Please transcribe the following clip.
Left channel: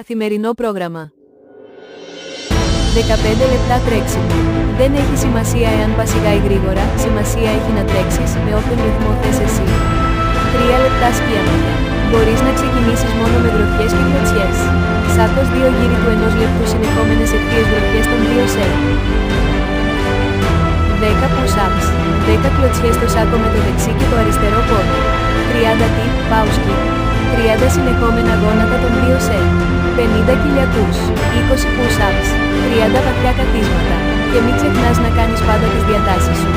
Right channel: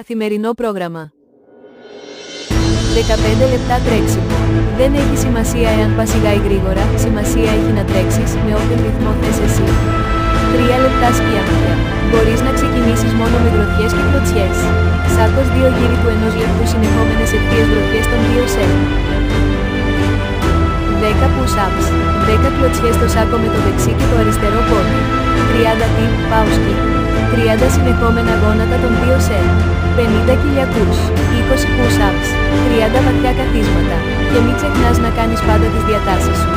Καθημερινό πρόγραμμα. 15 λεπτά τρέξιμο. Δεν έχει σημασία εάν πας σιγά ή γρήγορα, σημασία έχει να τρέξεις με όποιον ρυθμό θες εσύ. 3 λεπτά σκιαμάτια. Μπορείς να ξεκινήσεις μόνο με γροθιές και κλωτσιές. Σάκος 2 γύρι του 1 λεπτού συνεχόμενες ευθείες γροθιές των 2 σετ. 10 push-ups. 10 κλωτσιές στο σάκο με το δεξί και το αριστερό πόδι. 30 tip, pause kick. 30 συνεχόμενα γόνατα των 2 σετ. 50 κοιλιακούς. 20 push-ups. 30 βαθιά καθίσματα. Και μην ξεχνάς να κάνεις πάντα τις διατάσεις σου.